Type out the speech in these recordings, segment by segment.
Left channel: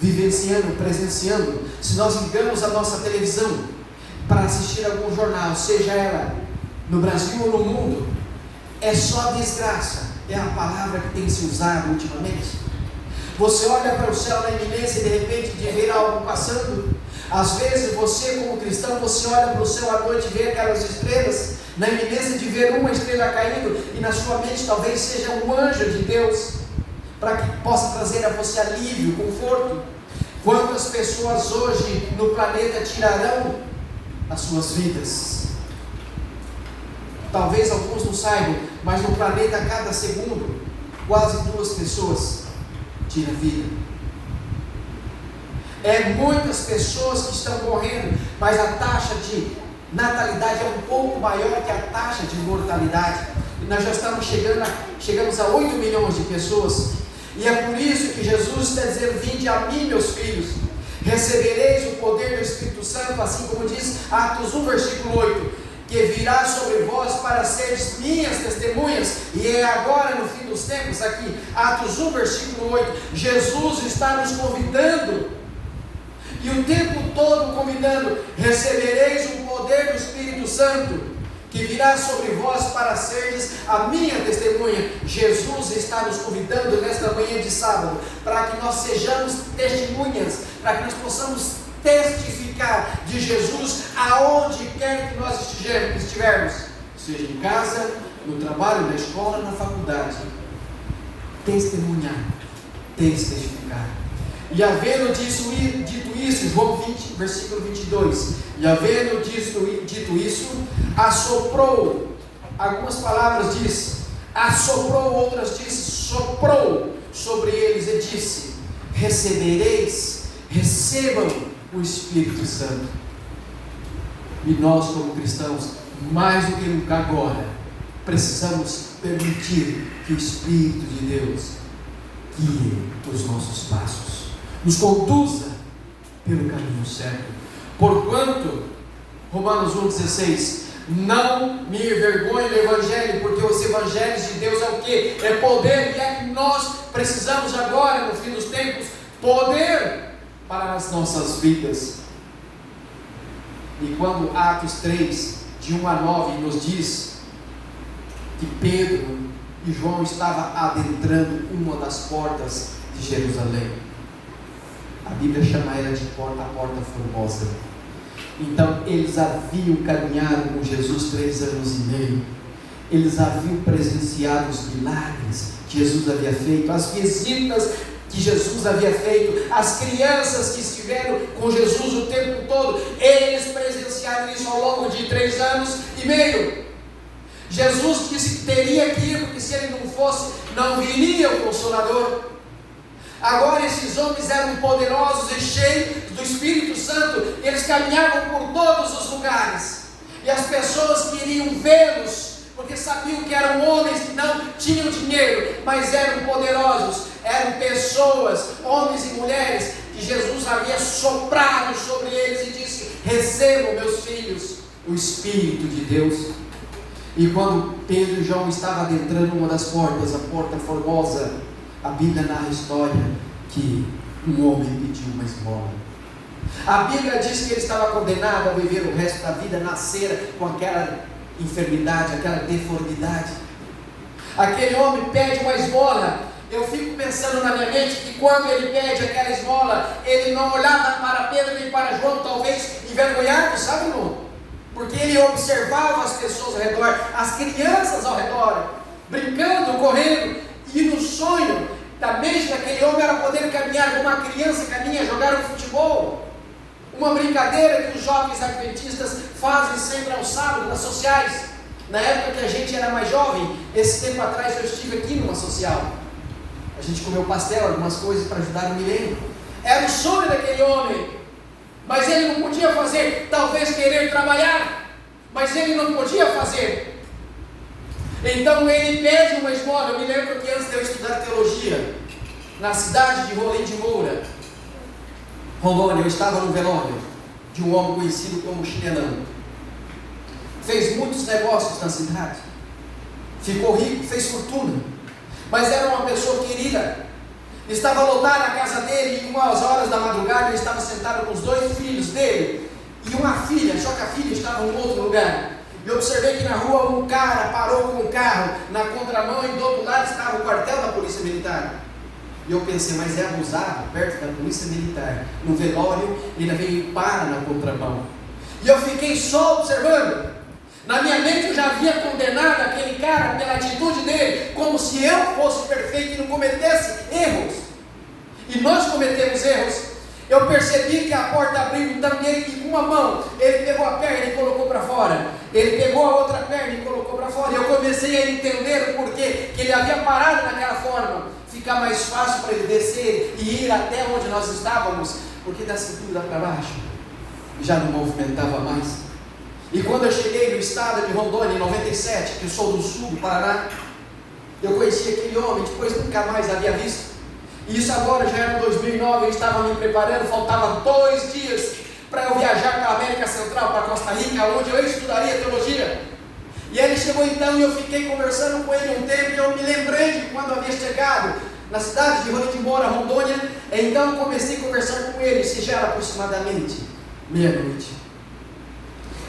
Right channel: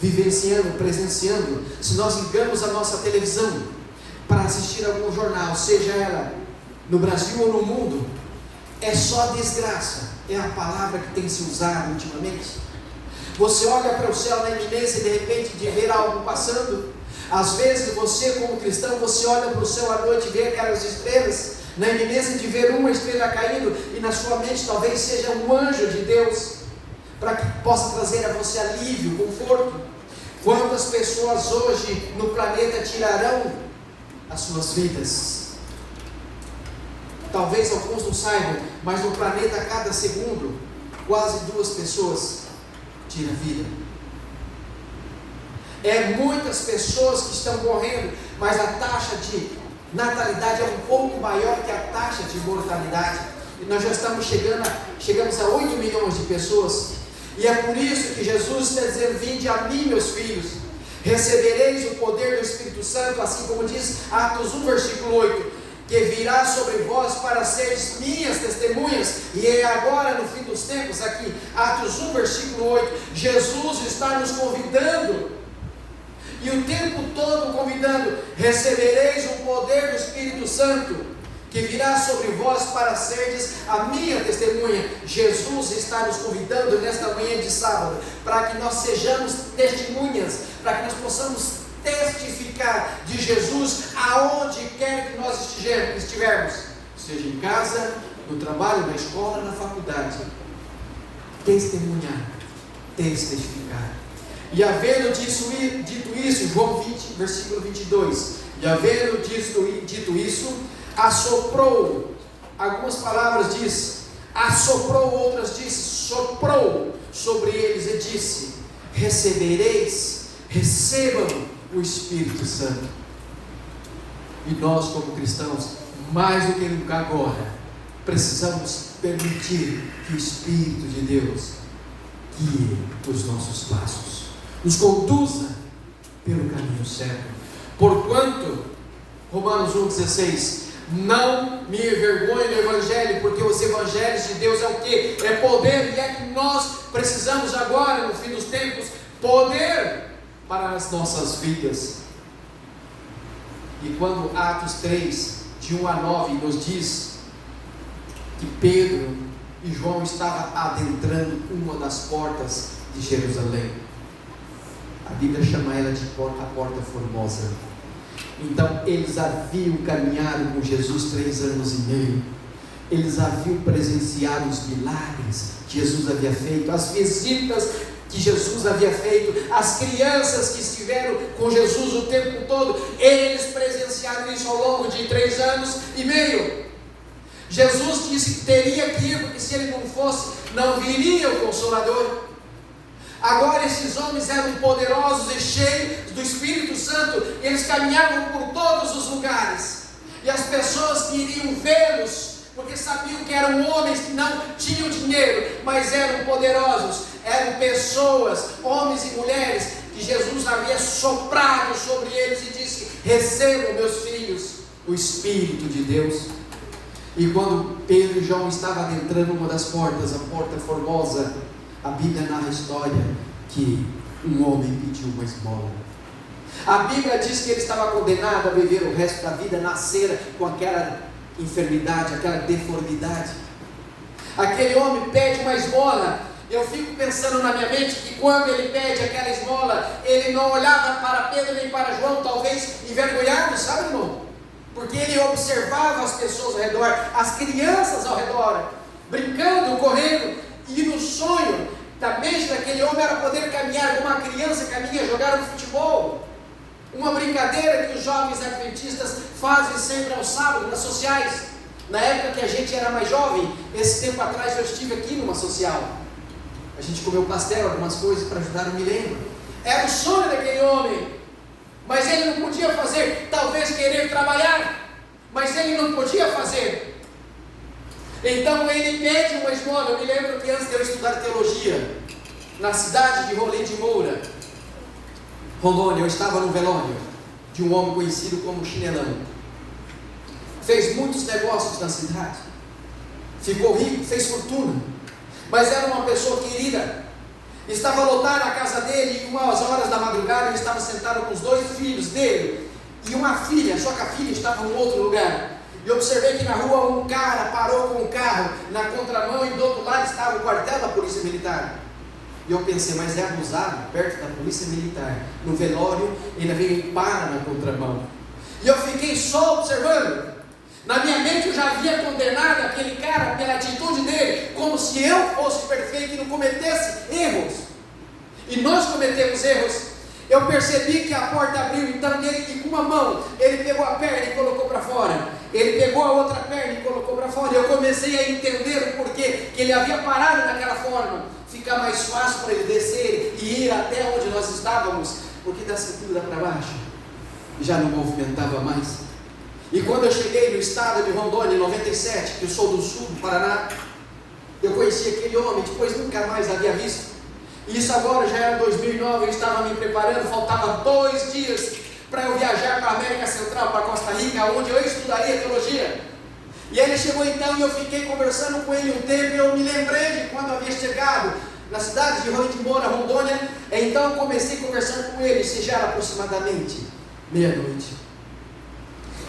vivenciando, presenciando, se nós ligamos a nossa televisão para assistir algum jornal, seja ela no Brasil ou no mundo, é só desgraça, é a palavra que tem se usado ultimamente. Você olha para o céu na iminência de repente de ver algo passando. Às vezes você, como cristão, você olha para o céu à noite e vê aquelas estrelas, na iminência de ver uma estrela caindo, e na sua mente talvez seja um anjo de Deus, para que possa trazer a você alívio, conforto. Quantas pessoas hoje no planeta tirarão as suas vidas? Talvez alguns não saibam, mas no planeta a cada segundo, quase 2 pessoas tiram a vida. É muitas pessoas que estão morrendo, mas a taxa de natalidade é um pouco maior que a taxa de mortalidade. E nós já chegamos a 8 milhões de pessoas. E é por isso que Jesus está dizendo: vinde a mim, meus filhos, recebereis o poder do Espírito Santo, assim como diz Atos 1, versículo 8, que virá sobre vós para seres minhas testemunhas. E é agora no fim dos tempos, aqui, Atos 1, versículo 8, Jesus está nos convidando, e o tempo todo convidando: recebereis o poder do Espírito Santo, que virá sobre vós para seres a minha testemunha. Jesus está nos convidando nesta manhã de sábado, para que nós sejamos testemunhas, para que nós possamos testificar de Jesus aonde quer que nós estivermos, seja em casa, no trabalho, na escola, na faculdade. Testemunhar, testificar. E havendo dito isso, João 20, versículo 22, e havendo dito isso, assoprou. Algumas palavras diz assoprou, outras diz soprou sobre eles e disse: recebam o Espírito Santo. E nós, como cristãos, mais do que nunca agora, precisamos permitir que o Espírito de Deus guie os nossos passos, nos conduza pelo caminho certo. Porquanto, Romanos 1,16, não me envergonhe do Evangelho, porque os Evangelhos de Deus é o que? É poder, e é que nós precisamos agora, no fim dos tempos, poder para as nossas vidas. E quando Atos 3, de 1 a 9, nos diz que Pedro e João estavam adentrando uma das portas de Jerusalém, a Bíblia chama ela de porta formosa. Então eles haviam caminhado com Jesus 3 anos e meio, eles haviam presenciado os milagres que Jesus havia feito, as visitas que Jesus havia feito, as crianças que estiveram com Jesus o tempo todo, eles presenciaram isso ao longo de 3 anos e meio. Jesus disse que teria que ir, porque se ele não fosse, não viria o Consolador. Agora esses homens eram poderosos e cheios do Espírito Santo, eles caminhavam por todos os lugares, e as pessoas queriam vê-los, porque sabiam que eram homens que não tinham dinheiro, mas eram poderosos, eram pessoas, homens e mulheres, que Jesus havia soprado sobre eles e disse: recebam, meus filhos, o Espírito de Deus. E quando Pedro e João estavam adentrando uma das portas, a porta formosa, a Bíblia narra a história que um homem pediu uma esmola. A Bíblia diz que ele estava condenado a viver o resto da vida, nascer com aquela enfermidade, aquela deformidade. Aquele homem pede uma esmola. Eu fico pensando na minha mente que quando ele pede aquela esmola, ele não olhava para Pedro nem para João, talvez envergonhado, sabe, irmão? Porque ele observava as pessoas ao redor, as crianças ao redor, brincando, correndo, e no sonho da mente daquele homem era poder caminhar como uma criança caminha, jogar um futebol, uma brincadeira que os jovens adventistas fazem sempre aos sábados, nas sociais. Na época que a gente era mais jovem, esse tempo atrás eu estive aqui numa social, a gente comeu pastel, algumas coisas para ajudar, não me lembro. Era o sonho daquele homem, mas ele não podia fazer, talvez querer trabalhar, mas ele não podia fazer. Então ele pede uma esmola. Eu me lembro que antes de eu estudar teologia, na cidade de Rolim de Moura, Rondônia, eu estava no velório de um homem conhecido como Chinelão. Fez muitos negócios na cidade, ficou rico, fez fortuna, mas era uma pessoa querida. Estava lotada a casa dele, e umas horas lugar, ele estava sentado com os 2 filhos dele e uma filha, só que a filha estava em outro lugar. E observei que na rua um cara parou com o carro na contramão e do outro lado estava o quartel da Polícia Militar. E eu pensei, mas é abusado, perto da Polícia Militar, no velório, ainda veio e para na contramão. E eu fiquei só observando. Na minha mente eu já havia condenado aquele cara pela atitude dele, como se eu fosse perfeito e não cometesse erros. E nós cometemos erros. Eu percebi que a porta abriu também e com uma mão ele pegou a perna e colocou para fora. Ele pegou a outra perna e colocou para fora. E eu comecei a entender o porquê que ele havia parado naquela forma. Ficar mais fácil para ele descer e ir até onde nós estávamos, porque da cintura para baixo já não movimentava mais. E quando eu cheguei no estado de Rondônia em 97, que eu sou do sul do Paraná, eu conheci aquele homem, depois nunca mais havia visto. E isso agora já era 2009, eu estava me preparando, faltavam 2 dias para eu viajar para a América Central, para Costa Rica, onde eu estudaria teologia. E aí ele chegou então e eu fiquei conversando com ele um tempo e eu me lembrei de quando eu havia chegado na cidade de Roraima, Rondônia. Então eu comecei a conversar com ele, isso já era aproximadamente meia-noite.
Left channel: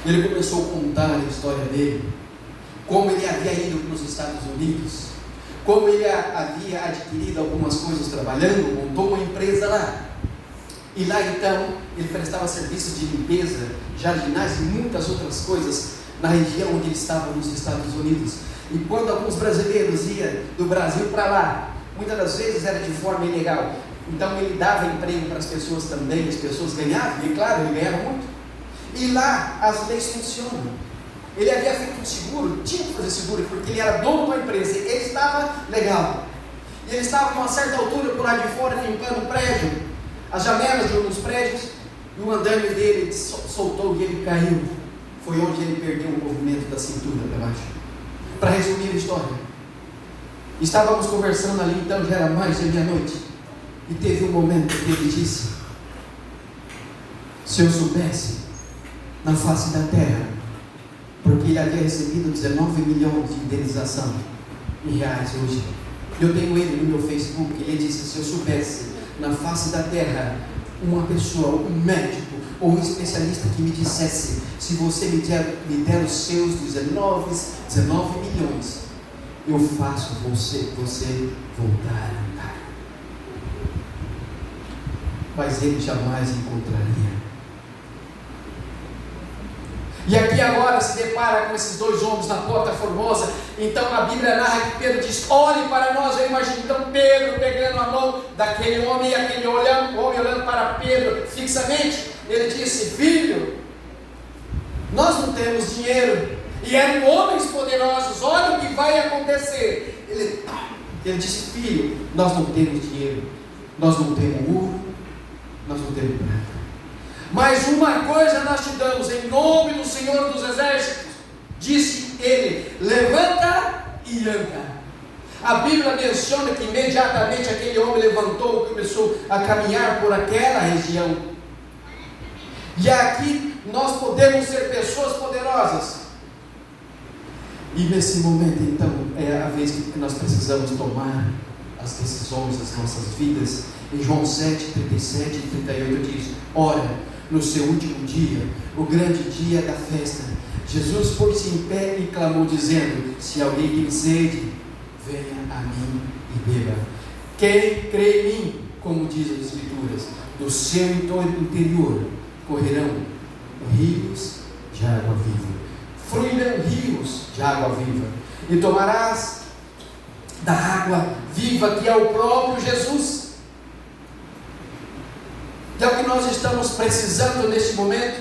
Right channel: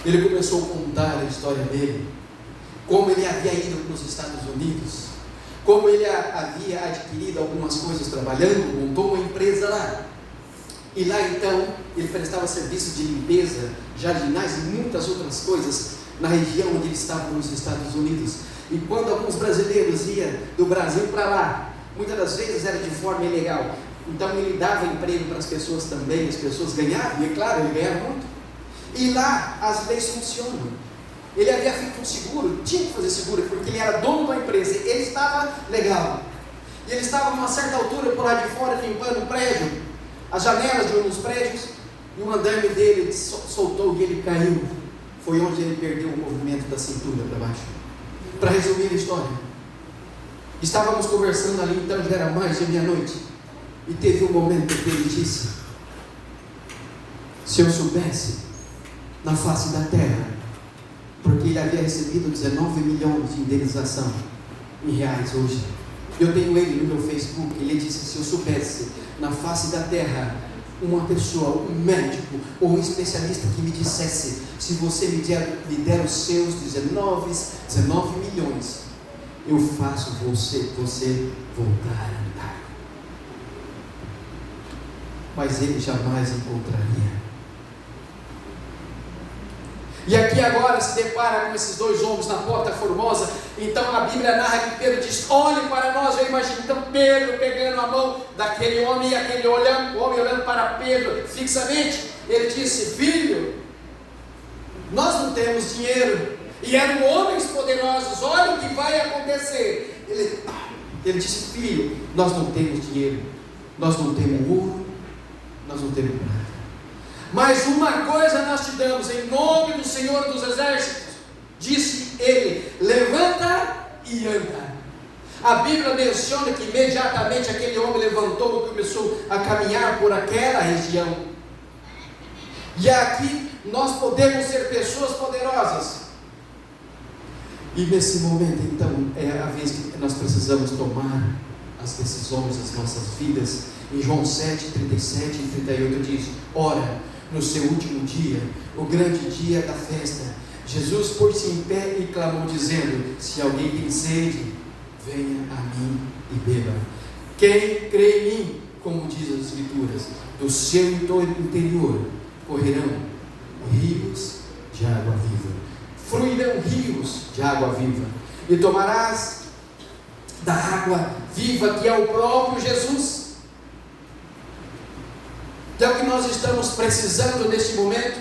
Ele começou a contar a história dele, como ele havia ido para os Estados Unidos, como ele havia adquirido algumas coisas trabalhando, montou uma empresa lá. E lá então, ele prestava serviços de limpeza, jardinagem e muitas outras coisas na região onde ele estava nos Estados Unidos. E quando alguns brasileiros iam do Brasil para lá, muitas das vezes era de forma ilegal. Então ele dava emprego para as pessoas também, as pessoas ganhavam, e claro, ele ganhava muito. E lá as leis funcionam. Ele havia feito um seguro, tinha que fazer seguro, porque ele era dono da empresa, ele estava legal. E ele estava a uma certa altura por lá de fora, limpando o prédio, as janelas de um dos prédios, e o andaime dele soltou e ele caiu. Foi onde ele perdeu o movimento da cintura para baixo. Para resumir a história, estávamos conversando ali, então já era mais de meia-noite, e teve um momento que ele disse: se eu soubesse, na face da terra, porque ele havia recebido 19 milhões de indenização em reais hoje. Eu tenho ele no meu Facebook, ele disse: se eu soubesse, na face da terra, uma pessoa, um médico ou um especialista que me dissesse: se você me der os seus 19 milhões, eu faço você voltar a andar. Mas ele jamais encontraria. E aqui agora se depara com esses 2 homens na Porta Formosa. Então a Bíblia narra que Pedro diz: olhe para nós. Eu imagino então Pedro pegando a mão daquele homem, e aquele homem olhando para Pedro fixamente. Ele disse: filho, nós não temos dinheiro. E eram homens poderosos, olha o que vai acontecer. Ele disse: filho, nós não temos dinheiro, nós não temos ouro, nós não temos prata, mas uma coisa nós te damos, em nome do Senhor dos Exércitos. Disse ele: levanta e anda. A Bíblia menciona que imediatamente aquele homem levantou e começou a caminhar por aquela região. E aqui nós podemos ser pessoas poderosas. E nesse momento então é a vez que nós precisamos tomar as decisões das nossas vidas. Em João 7, 37 e 38 diz: ora, no seu último dia, o grande dia da festa, Jesus pôs-se em pé e clamou dizendo: se alguém tem sede, venha a mim e beba. Quem crê em mim, como diz as Escrituras, do seu interior correrão rios de água viva, fluirão rios de água viva, e tomarás da água viva que é o próprio Jesus. E é o que nós estamos precisando neste momento.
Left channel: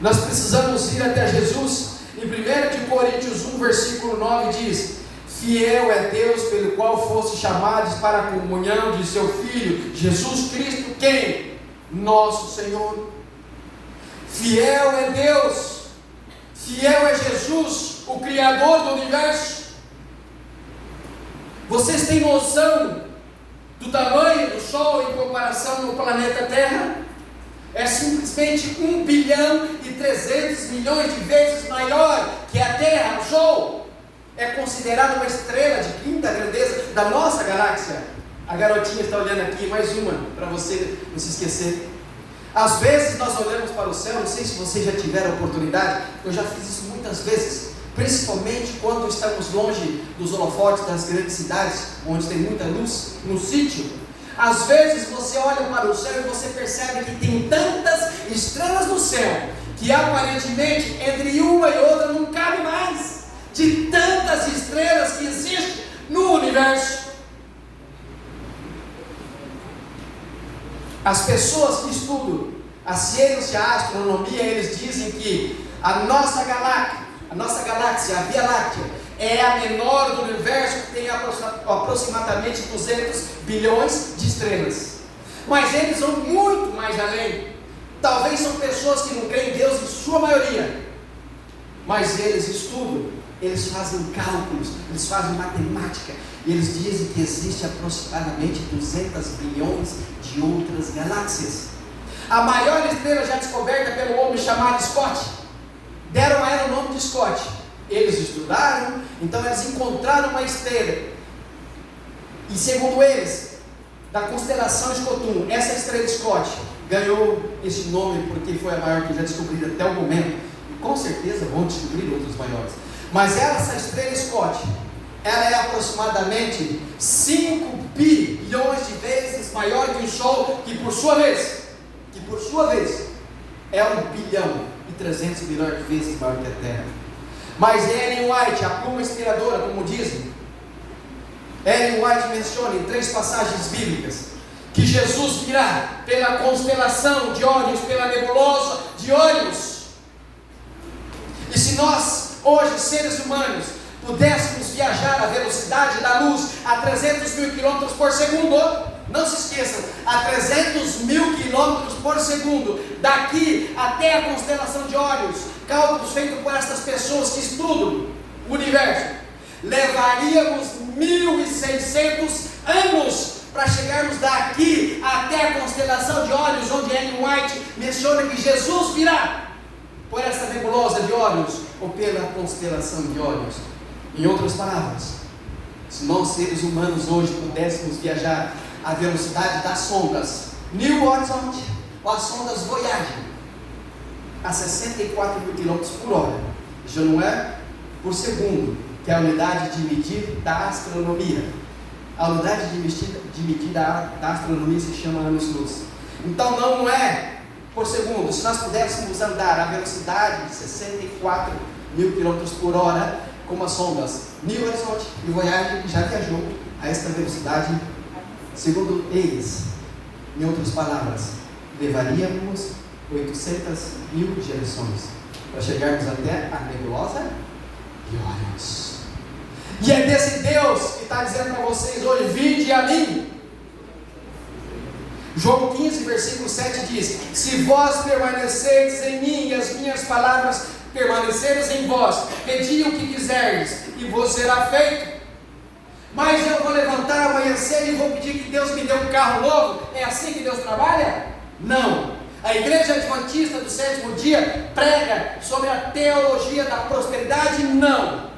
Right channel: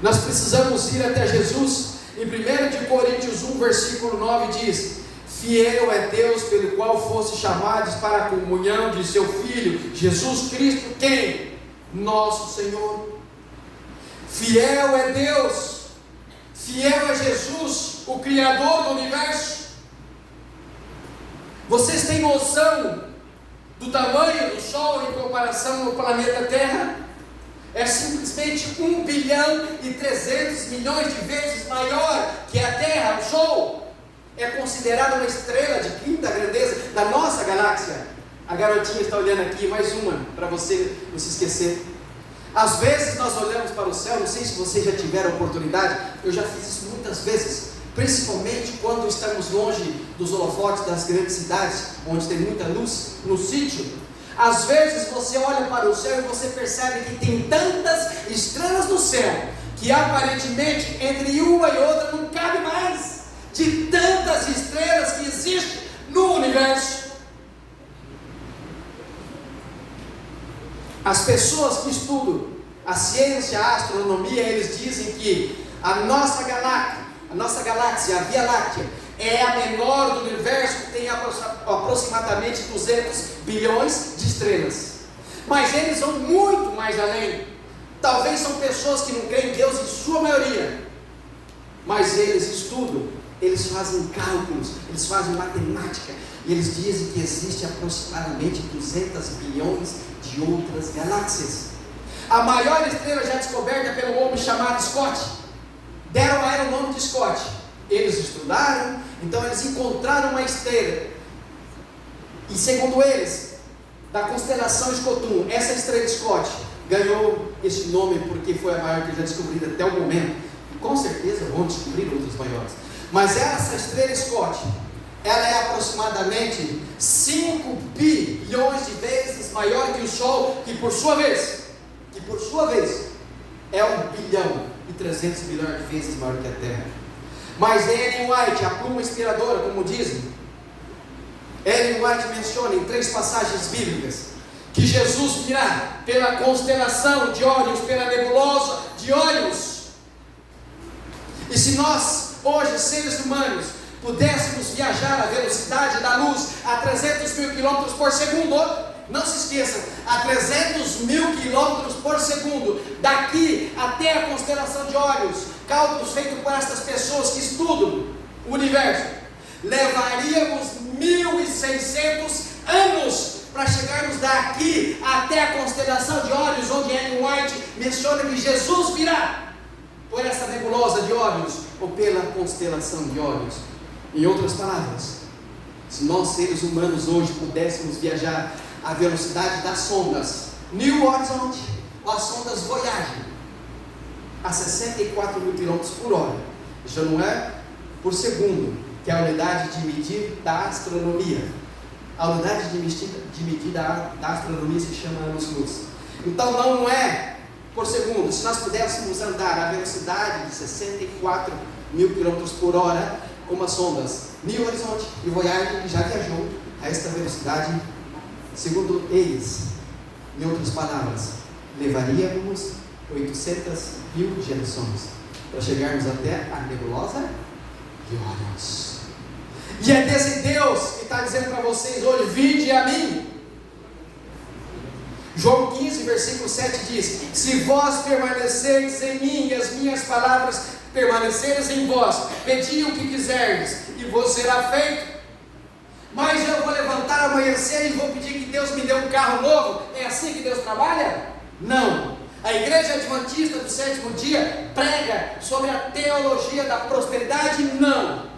Nós precisamos ir até Jesus. Em 1 Coríntios 1, versículo 9 diz: fiel é Deus pelo qual fosse chamados para a comunhão de seu Filho Jesus Cristo, quem? Nosso Senhor. Fiel é Deus, fiel é Jesus, o Criador do universo. Vocês têm noção do tamanho do Sol em comparação ao planeta Terra? É simplesmente 1 bilhão e 300 milhões de vezes maior que a Terra. O Sol é considerado uma estrela de quinta grandeza da nossa galáxia. A garotinha está olhando aqui, mais uma, para você não se esquecer. Às vezes nós olhamos para o céu, não sei se você já tiver a oportunidade, eu já fiz isso muitas vezes, principalmente quando estamos longe dos holofotes das grandes cidades, onde tem muita luz, no sítio. Às vezes você olha para o céu e você percebe que tem tantas estrelas no céu, que aparentemente entre uma e outra não cabe mais, de tantas estrelas que existem no universo. As pessoas que estudam a ciência, a astronomia, eles dizem que a nossa galáxia, a Via Láctea, é a menor do universo, que tem aproximadamente 200 bilhões de estrelas. Mas eles vão muito mais além. Talvez são pessoas que não creem em Deus em sua maioria, mas eles estudam, eles fazem cálculos, eles fazem matemática, e eles dizem que existe aproximadamente 200 bilhões de outras galáxias. A maior estrela já descoberta pelo homem chamado Scott, deram a ela o nome de Scott. Eles estudaram, então eles encontraram uma estrela, e segundo eles, da constelação de Cotun, essa estrela Scott ganhou esse nome porque foi a maior que já descobrida até o momento, e com certeza vão descobrir outros maiores. Mas essa estrela Scott, ela é aproximadamente 5 bilhões de vezes maior que o Sol, que por sua vez é 1 bilhão e 300 bilhões de vezes maior que a Terra. Mas Ellen White, a pluma inspiradora, como dizem, Ellen White menciona em 3 passagens bíblicas que Jesus virá pela constelação de Órion, pela nebulosa de Órion. E se nós, hoje, seres humanos, pudéssemos viajar à velocidade da luz a 300 mil quilômetros por segundo, não se esqueçam, a 300 mil quilômetros por segundo, daqui até a constelação de Órion, cálculos feitos por essas pessoas que estudam o universo, levaríamos 1.600 anos para chegarmos daqui até a constelação de Órion, onde Ellen White menciona que Jesus virá por essa nebulosa de Órion, ou pela constelação de Órion. Em outras palavras, se nós seres humanos hoje pudéssemos viajar à velocidade das sondas New Horizon, ou as sondas Voyager, a 64 mil km por hora, já não é por segundo, que é a unidade de medir da astronomia. A unidade de medir da astronomia se chama anos-luz. Então não é por segundo. Se nós pudéssemos andar à velocidade de 64 mil km por hora, como as sondas New Horizon e Voyager, que já viajou a esta velocidade, segundo eles, em outras palavras, levaríamos 800 mil gerações para chegarmos até a nebulosa de Órion. E é desse Deus que está dizendo para vocês hoje: vinde a mim. João 15, versículo 7 diz: se vós permaneceres em mim e as minhas palavras permaneceres em vós, pedi o que quiserdes e vos será feito. Mas eu vou levantar, amanhecer e vou pedir que Deus me dê um carro novo. É assim que Deus trabalha? Não. A igreja adventista do sétimo dia prega sobre a teologia da prosperidade? Não.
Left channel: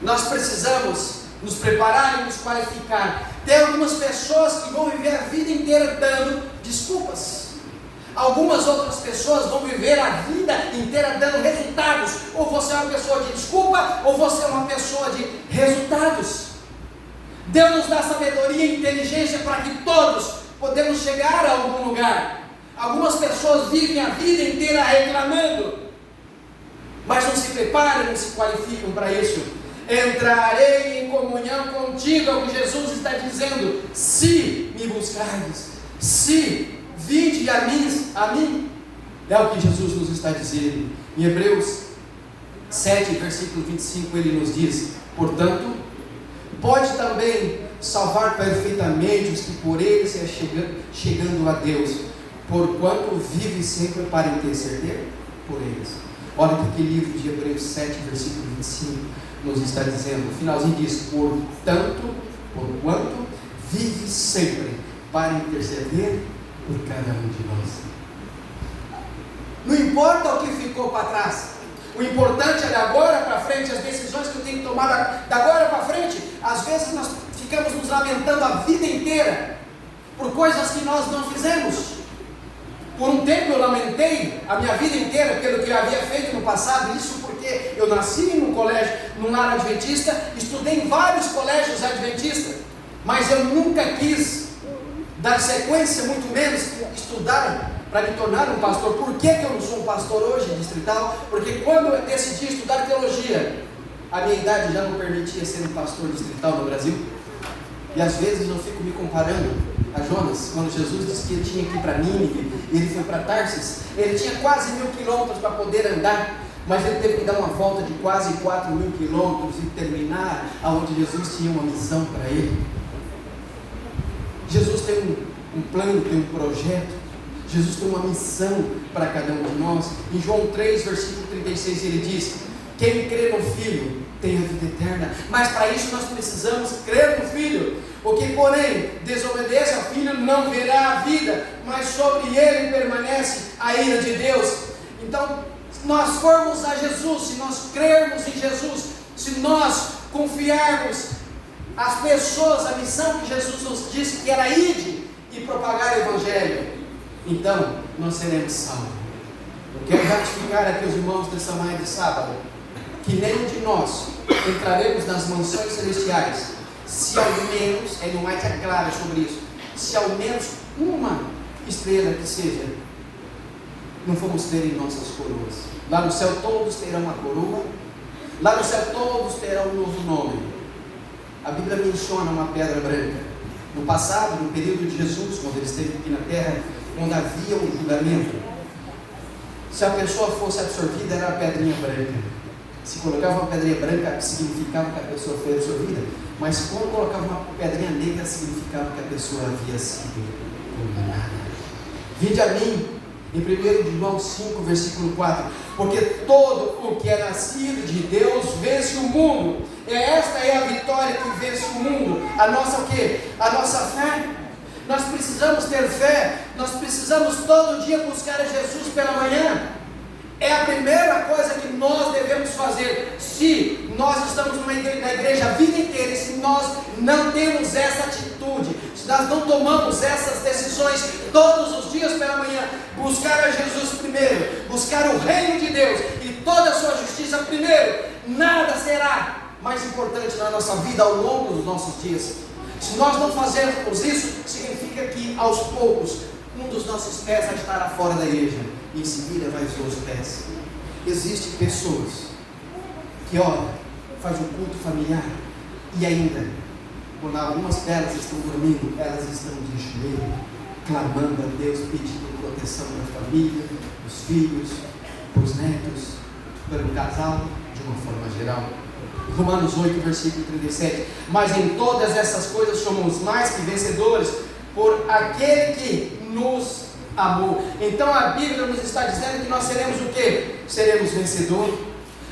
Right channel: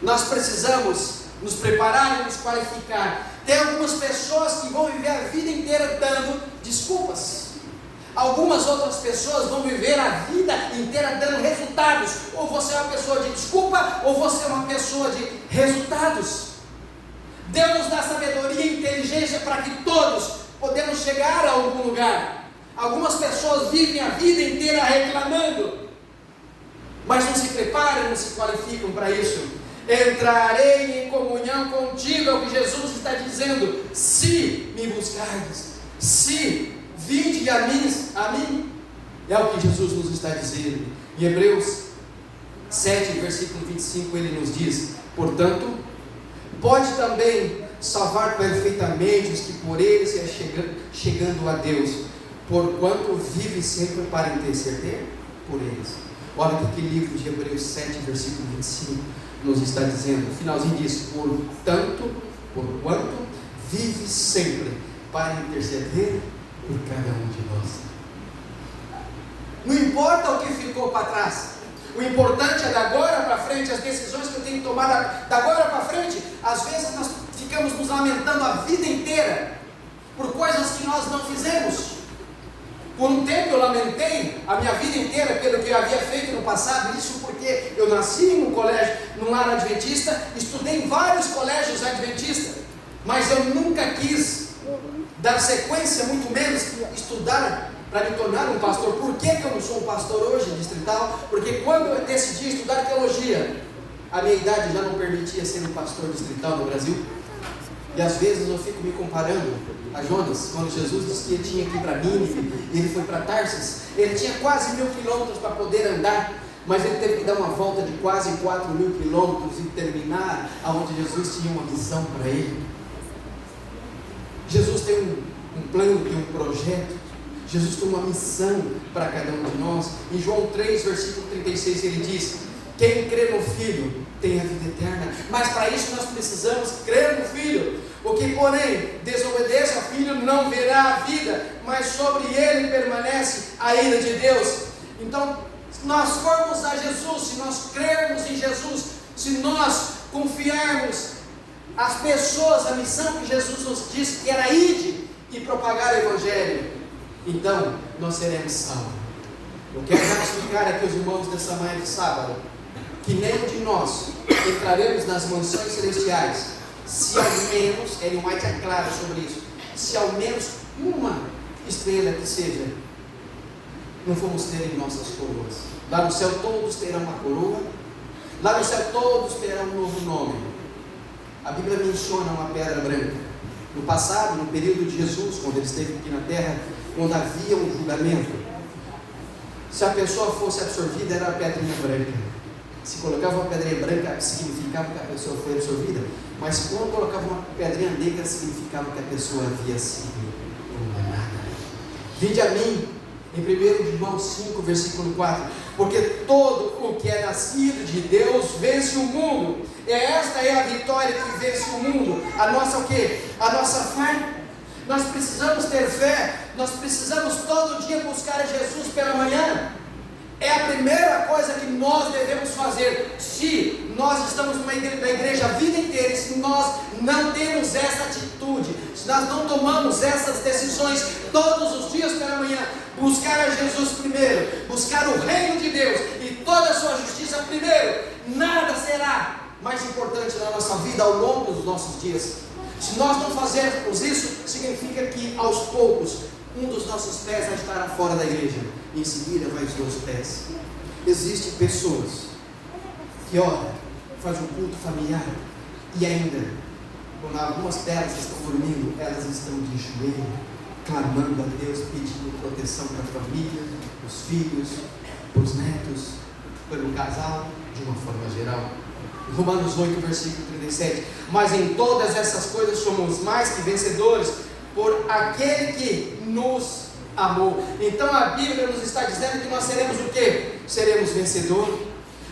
Nós precisamos nos preparar e nos qualificar. Tem algumas pessoas que vão viver a vida inteira dando desculpas. Algumas outras pessoas vão viver a vida inteira dando resultados. Ou você é uma pessoa de desculpa, ou você é uma pessoa de resultados. Deus nos dá sabedoria e inteligência para que todos podemos chegar a algum lugar. Algumas pessoas vivem a vida inteira reclamando, mas não se preparam, não se qualificam para isso. Entrarei em comunhão contigo, é o que Jesus está dizendo. Se me buscardes, se vinde a mim, é o que Jesus nos está dizendo. Em Hebreus 7, versículo 25, ele nos diz: portanto, pode também salvar perfeitamente os que por ele se chegando a Deus, porquanto vive sempre para interceder por eles. Olha o que o livro de Hebreus 7, versículo 25 nos está dizendo. O finalzinho diz: porquanto vive sempre para interceder por cada um de nós. Não importa o que ficou para trás, o importante é de agora para frente, as decisões que eu tenho que tomar da agora para frente. Às vezes nós ficamos nos lamentando a vida inteira por coisas que nós não fizemos. Por um tempo eu lamentei a minha vida inteira pelo que eu havia feito no passado, isso porque eu nasci num colégio, num lar adventista, estudei em vários colégios adventistas, mas eu nunca quis dar sequência, muito menos estudar para me tornar um pastor. Por que eu não sou um pastor hoje distrital? Porque quando eu decidi estudar teologia, a minha idade já não permitia ser um pastor distrital no Brasil. E às vezes eu fico me comparando a Jonas, quando Jesus disse que ele tinha que ir para Nínive, e ele foi para Tarsis. Ele tinha quase 1000 quilômetros para poder andar, mas ele teve que dar uma volta de quase 4.000 quilômetros e terminar aonde Jesus tinha uma missão para ele. Jesus tem um plano, tem um projeto. Jesus tem uma missão para cada um de nós. Em João 3, versículo 36, ele diz: quem crê no Filho tem a vida eterna. Mas para isso nós precisamos crer no Filho. O que, porém, desobedece ao Filho não verá a vida, mas sobre ele permanece a ira de Deus. Então, se nós formos a Jesus, se nós crermos em Jesus, se nós confiarmos às pessoas a missão que Jesus nos disse que era ide e propagar o Evangelho, então nós seremos salvos. Eu quero ratificar aqui os irmãos dessa manhã de sábado, que nenhum de nós entraremos nas mansões celestiais se ao menos, Ellen White é clara sobre isso, se ao menos uma estrela que seja não formos ter em nossas coroas. Lá no céu todos terão uma coroa, lá no céu todos terão um novo nome. A Bíblia menciona uma pedra branca. No passado, no período de Jesus, quando ele esteve aqui na terra, quando havia um julgamento, se a pessoa fosse absorvida, era a pedrinha branca. Se colocava uma pedrinha branca, significava que a pessoa foi absorvida, mas quando colocava uma pedrinha negra, significava que a pessoa havia sido condenada. Vinde a mim, em 1 João 5, versículo 4, porque todo o que é nascido de Deus vence o mundo. Esta é a vitória que vence o mundo. A nossa o quê? A nossa fé. Nós precisamos ter fé, nós precisamos todo dia buscar a Jesus pela manhã. É a primeira coisa que nós devemos fazer. Se nós estamos na igreja a vida inteira, e se nós não temos essa atitude, se nós não tomamos essas decisões todos os dias pela manhã, buscar a Jesus primeiro, buscar o reino de Deus e toda a sua justiça primeiro, nada será mais importante na nossa vida ao longo dos nossos dias. Se nós não fazermos isso, significa que aos poucos um dos nossos pés vai estar fora da igreja, e em seguida vai os dois pés. Existem pessoas que oram, fazem um culto familiar, e ainda, quando algumas delas estão dormindo, elas estão de joelho, clamando a Deus, pedindo proteção para a família, os filhos, os netos, pelo casal, de uma forma geral. Romanos 8, versículo 37, mas em todas essas coisas somos mais que vencedores, por aquele que nos amou. Então a Bíblia nos está dizendo que nós seremos o quê? Seremos vencedores.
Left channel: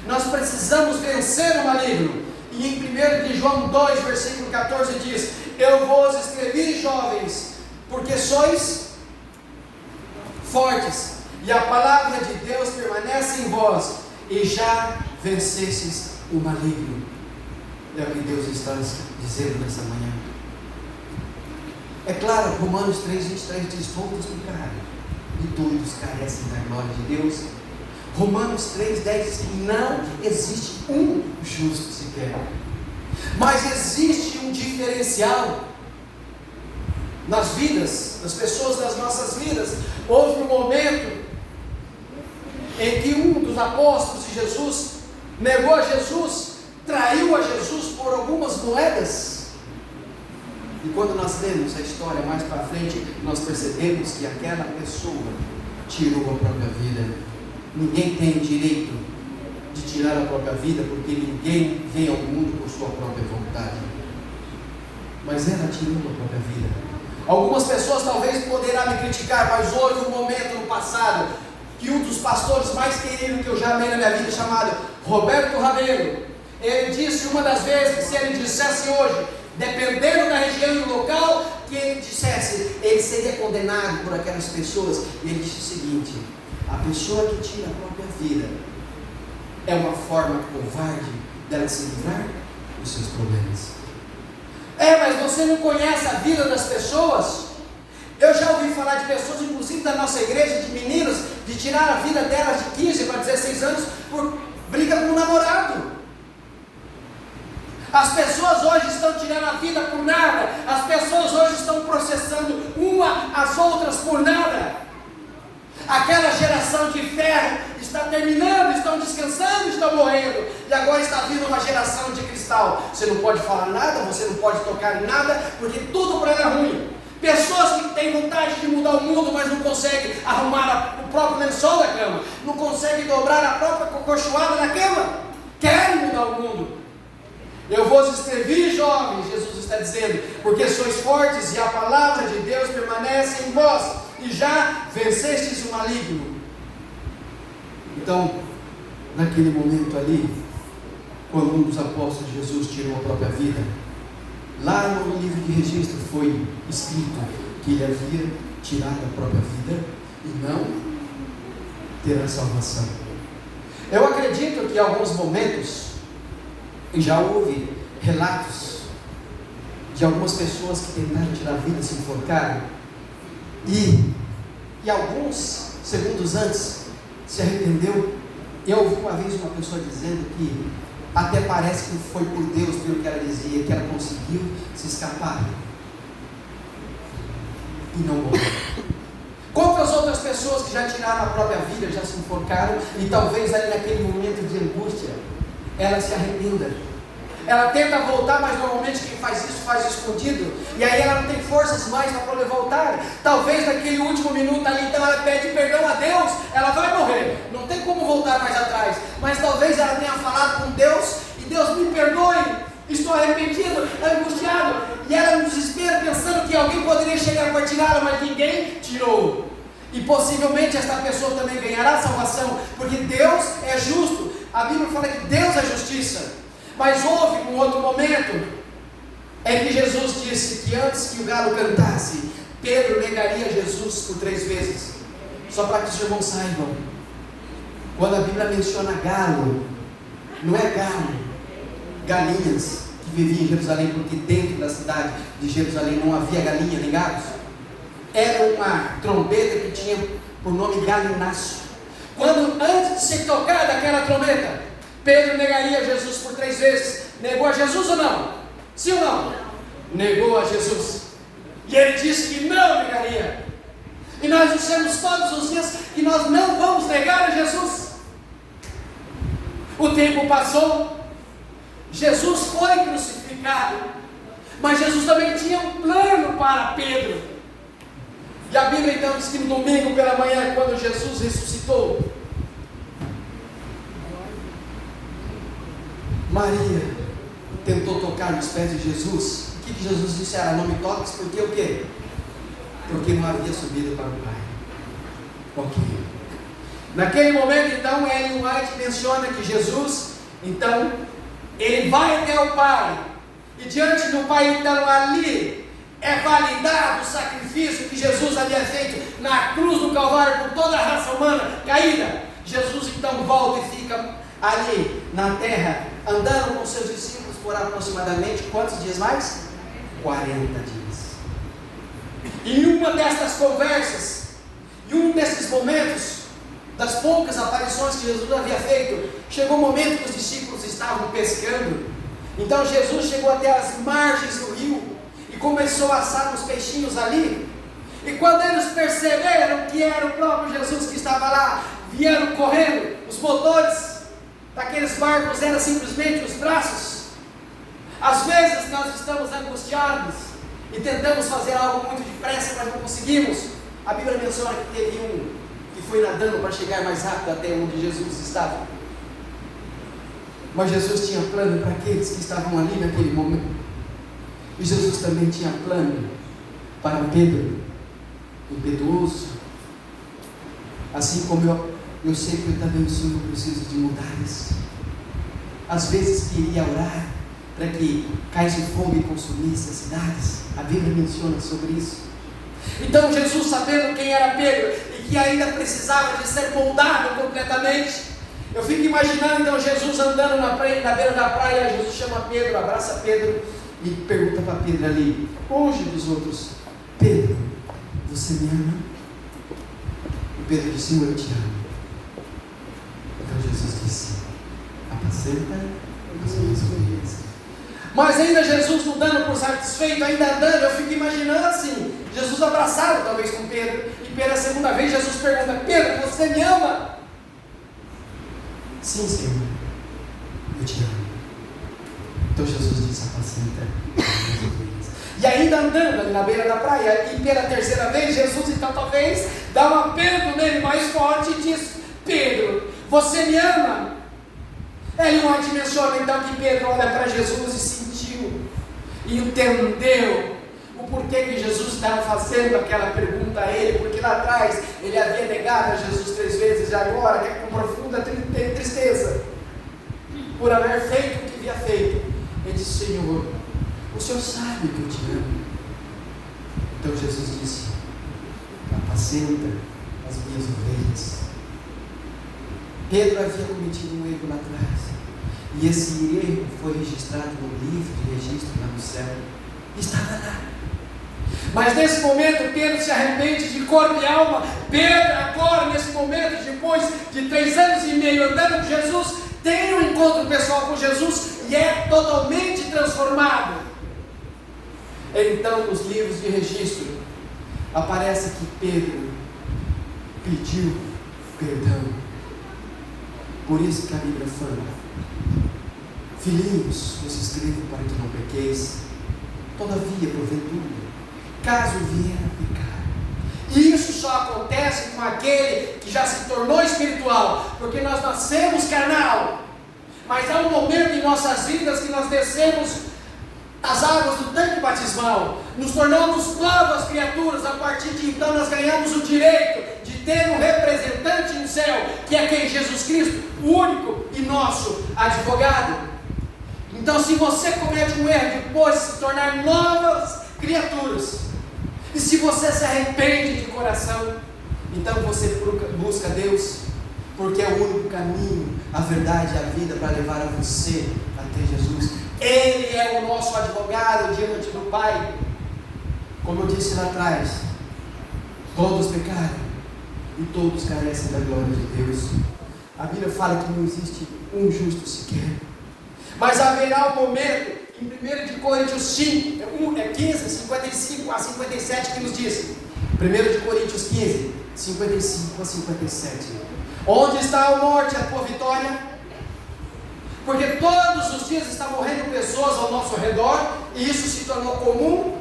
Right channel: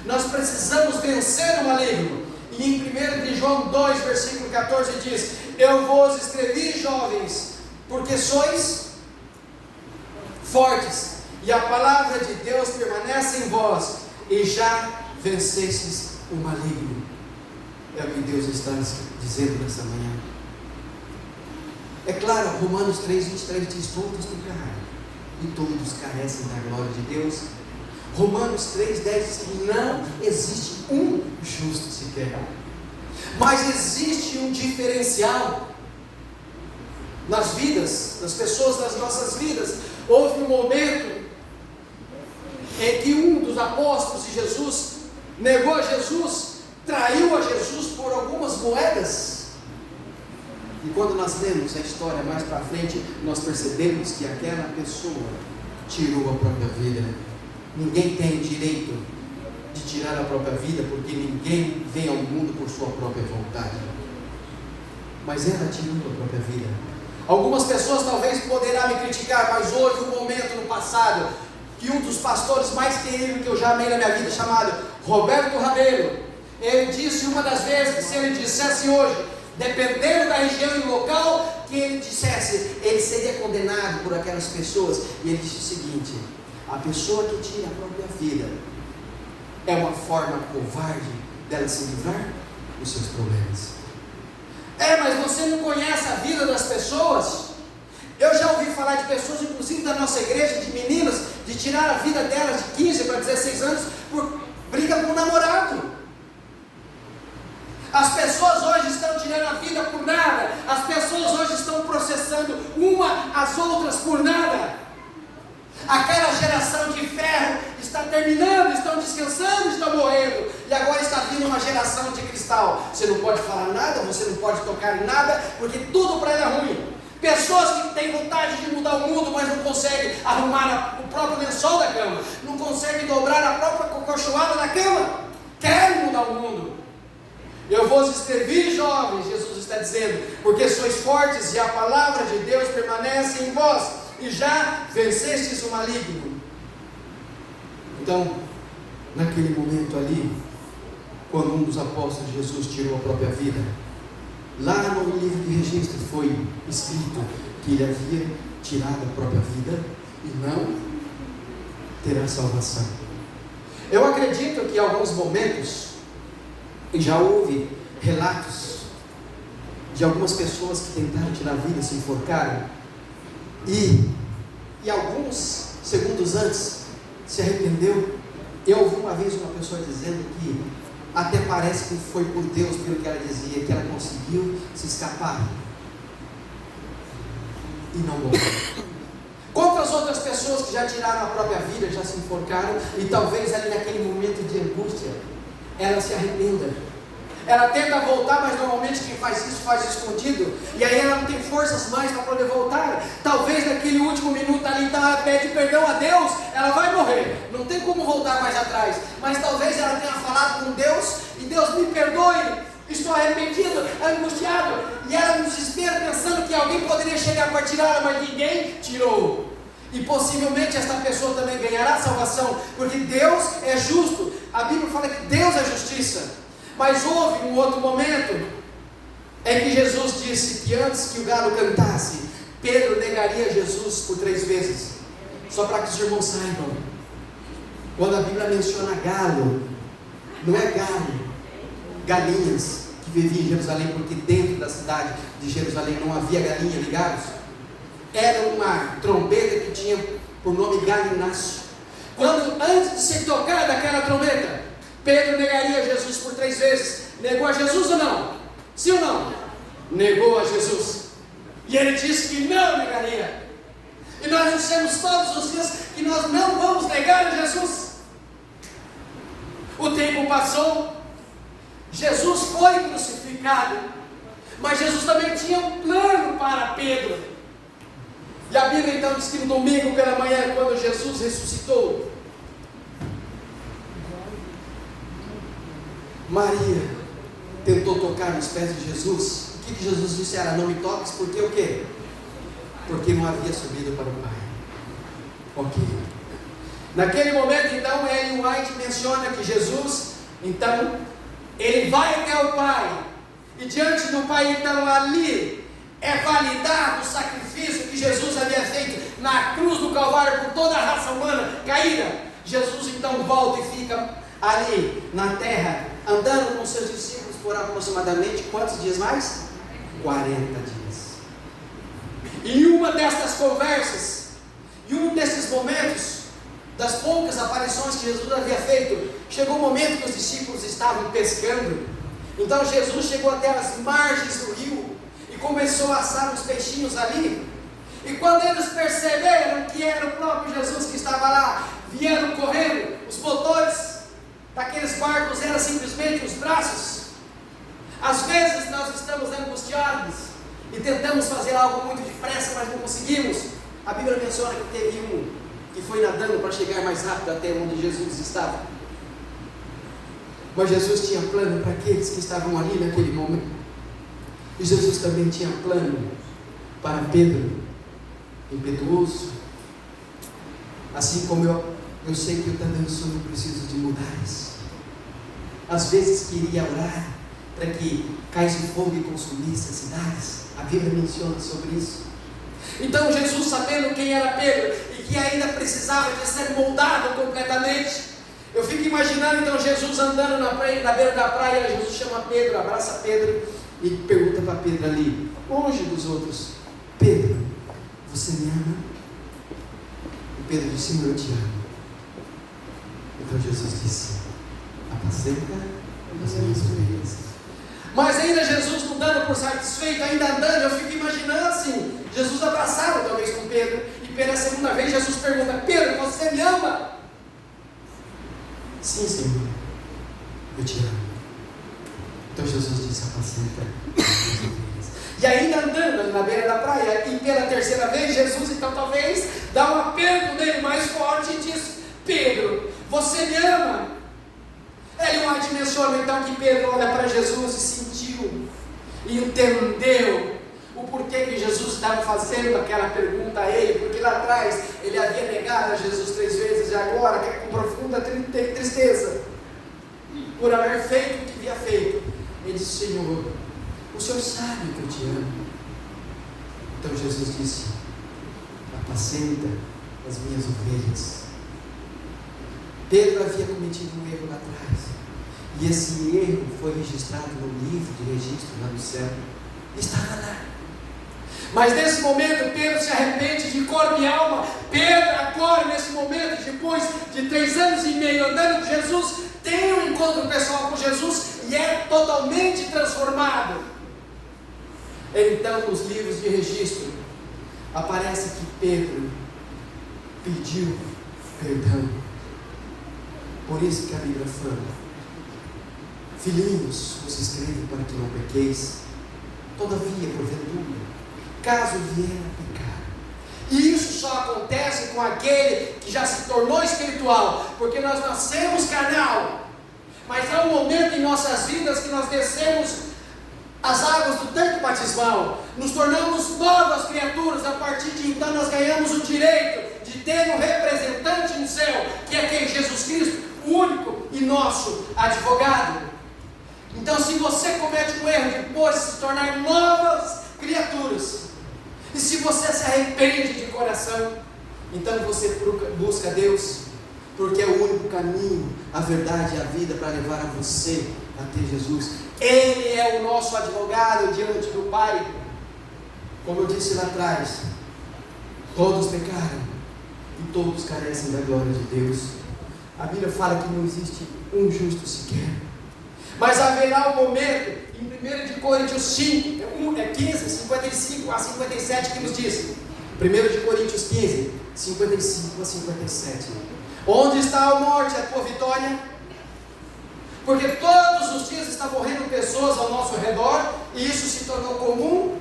Nós precisamos vencer o maligno. E em 1 João 2, versículo 14 diz: eu vos escrevi, jovens, porque sois fortes, e a palavra de Deus permanece em vós, e já vencestes o maligno. É o que Deus está dizendo nessa manhã. É claro, Romanos 3, 23 diz: todos pecaram e todos carecem da glória de Deus. Romanos 3, 10 diz que não existe um justo sequer, mas existe um diferencial nas vidas, nas pessoas das nossas vidas. Houve um momento em que um dos apóstolos de Jesus negou a Jesus, traiu a Jesus por algumas moedas. E quando nós lemos a história mais para frente, nós percebemos que aquela pessoa tirou a própria vida. Ninguém tem direito de tirar a própria vida, porque ninguém vem ao mundo por sua própria vontade. Mas ela tirou a própria vida. Algumas pessoas talvez poderão me criticar, mas houve um momento no passado que um dos pastores mais queridos que eu já amei na minha vida, chamado Roberto Rabelo, ele disse uma das vezes que se ele dissesse hoje, dependendo da região e do local que ele dissesse, ele seria condenado por aquelas pessoas. E ele disse o seguinte: a pessoa que tira a própria vida é uma forma covarde dela se livrar dos seus problemas. Mas você não conhece a vida das pessoas? Eu já ouvi falar de pessoas, inclusive da nossa igreja, de meninas, de tirar a vida delas de 15 para 16 anos por briga com o namorado. As pessoas hoje estão tirando a vida por nada. As pessoas hoje estão processando uma às outras por nada. Aquela geração de ferro está terminando, estão descansando, estão morrendo. E agora está vindo uma geração de cristal. Você não pode falar nada, você não pode tocar em nada, porque tudo para ela é ruim. Pessoas que têm vontade de mudar o mundo, mas não conseguem arrumar o próprio lençol da cama, não conseguem dobrar a própria cocochoada da cama, querem mudar o mundo. Eu vos escrevi, jovens, Jesus está dizendo, porque sois fortes e a palavra de Deus permanece em vós, e já vencestes o maligno. Então, naquele momento ali, quando um dos apóstolos de Jesus tirou a própria vida, lá no livro de registro foi escrito que ele havia tirado a própria vida e não terá salvação. Eu acredito que em alguns momentos já houve relatos de algumas pessoas que tentaram tirar a vida, se enforcaram, e alguns segundos antes se arrependeu. Eu ouvi uma vez uma pessoa dizendo que até parece que foi por Deus, pelo que ela dizia, que ela conseguiu se escapar e não morreu. Quantas outras pessoas que já tiraram a própria vida, já se enforcaram, e talvez ali naquele momento de angústia ela se arrependa. Ela tenta voltar, mas normalmente quem faz isso escondido, e aí ela não tem forças mais para poder voltar. Talvez naquele último minuto ali, então ela pede perdão a Deus, ela vai morrer, não tem como voltar mais atrás, mas talvez ela tenha falado com Deus, e Deus me perdoe, estou arrependido, angustiado, e ela no desespero pensando que alguém poderia chegar para tirá-la, mas ninguém tirou. E possivelmente esta pessoa também ganhará salvação, porque Deus é justo. A Bíblia fala que Deus é justiça. Mas houve um outro momento em que Jesus disse que antes que o galo cantasse, Pedro negaria Jesus por 3 vezes. Só para que os irmãos saibam, quando a Bíblia menciona galo, não é galo, galinhas que viviam em Jerusalém, porque dentro da cidade de Jerusalém não havia galinha, ligados? Era uma trombeta que tinha por nome galináceo. Quando antes de ser tocada aquela trombeta, Pedro negaria Jesus por 3 vezes. Negou a Jesus ou não? Sim ou não? Negou a Jesus. E ele disse que não negaria. E nós dissemos todos os dias que nós não vamos negar a Jesus. O tempo passou, Jesus foi crucificado, mas Jesus também tinha um plano para Pedro. E a Bíblia então diz que no domingo pela manhã, quando Jesus ressuscitou, Maria tentou tocar nos pés de Jesus. O que Jesus disse era: não me toques, porque o quê? Porque não havia subido para o Pai. Ok. Naquele momento então, Ellen White menciona que Jesus, então, ele vai até o Pai, e diante do Pai então ali é validado o sacrifício que Jesus havia feito na cruz do Calvário por toda a raça humana caída. Jesus então volta e fica ali na terra, andando com seus discípulos por aproximadamente quantos dias mais? 40 dias. E uma destas conversas, e um desses momentos, das poucas aparições que Jesus havia feito, chegou um momento que os discípulos estavam pescando. Então Jesus chegou até as margens do rio e começou a assar uns peixinhos ali. E quando eles perceberam que era o próprio Jesus que estava lá, vieram correndo. Os motores daqueles barcos eram simplesmente os braços. Às vezes nós estamos angustiados e tentamos fazer algo muito depressa, mas não conseguimos. A Bíblia menciona que teve um que foi nadando para chegar mais rápido até onde Jesus estava. Mas Jesus tinha plano para aqueles que estavam ali naquele momento. E Jesus também tinha plano para Pedro, impetuoso. Assim como eu sei que eu também sou, eu preciso de mudar isso. Às vezes queria orar para que caísse fogo e consumisse as cidades. A Bíblia menciona sobre isso. Então Jesus, sabendo quem era Pedro e que ainda precisava de ser moldado completamente, eu fico imaginando então Jesus andando na beira da praia. Jesus chama Pedro, abraça Pedro e pergunta para Pedro ali, longe dos outros: Pedro, você me ama? E Pedro disse: eu te amo. Então Jesus disse: apacenta as minhas ovelhas. Mas ainda Jesus não dando por satisfeito, ainda andando, eu fico imaginando assim, Jesus abraçado talvez com Pedro, e pela segunda vez Jesus pergunta: Pedro, você me ama? Sim, Senhor, eu te amo. Então Jesus disse: apacenta as minhas ovelhas. E ainda andando ali na beira da praia, e pela terceira vez Jesus então talvez dá um apelo nele mais forte e diz: Pedro, você me ama? Ele não dimensiona então que Pedro olha para Jesus e sentiu, e entendeu o porquê que Jesus estava fazendo aquela pergunta a ele, porque lá atrás ele havia negado a Jesus 3 vezes, e agora, que com profunda tristeza, por haver feito o que havia feito, ele disse: Senhor, o Senhor sabe que eu te amo. Então Jesus disse: apacenta as minhas ovelhas. Pedro havia cometido um erro lá atrás, e esse erro foi registrado no livro de registro lá no céu, estava lá. Mas nesse momento Pedro se arrepende de corpo e alma. Pedro agora, nesse momento, depois de 3 anos e meio andando com Jesus, tem um encontro pessoal com Jesus e é totalmente transformado. Então, nos livros de registro, aparece que Pedro pediu perdão. Por isso que a Bíblia fala: filhinhos, vos escrevo para que não pequeis, todavia, porventura, caso vier a pecar. E isso só acontece com aquele que já se tornou espiritual, porque nós nascemos carnal, mas há um momento em nossas vidas que nós descemos as águas do tanque batismal, nos tornamos novas criaturas. A partir de então nós ganhamos o direito de ter um representante no céu, que é aquele Jesus Cristo, o único e nosso advogado. Então, se você comete um erro depois de se tornar novas criaturas, e se você se arrepende de coração, então você busca Deus, porque é o único caminho, a verdade e a vida para levar a você até Jesus. Ele é o nosso advogado diante do Pai. Como eu disse lá atrás, todos pecaram e todos carecem da glória de Deus. A Bíblia fala que não existe um justo sequer. Mas haverá um momento, em 1 Coríntios 5, 15, 55 a 57, que nos diz, 1 Coríntios 15, 55 a 57, onde está a morte, a tua vitória? Porque todos os dias estão morrendo pessoas ao nosso redor, e isso se tornou comum,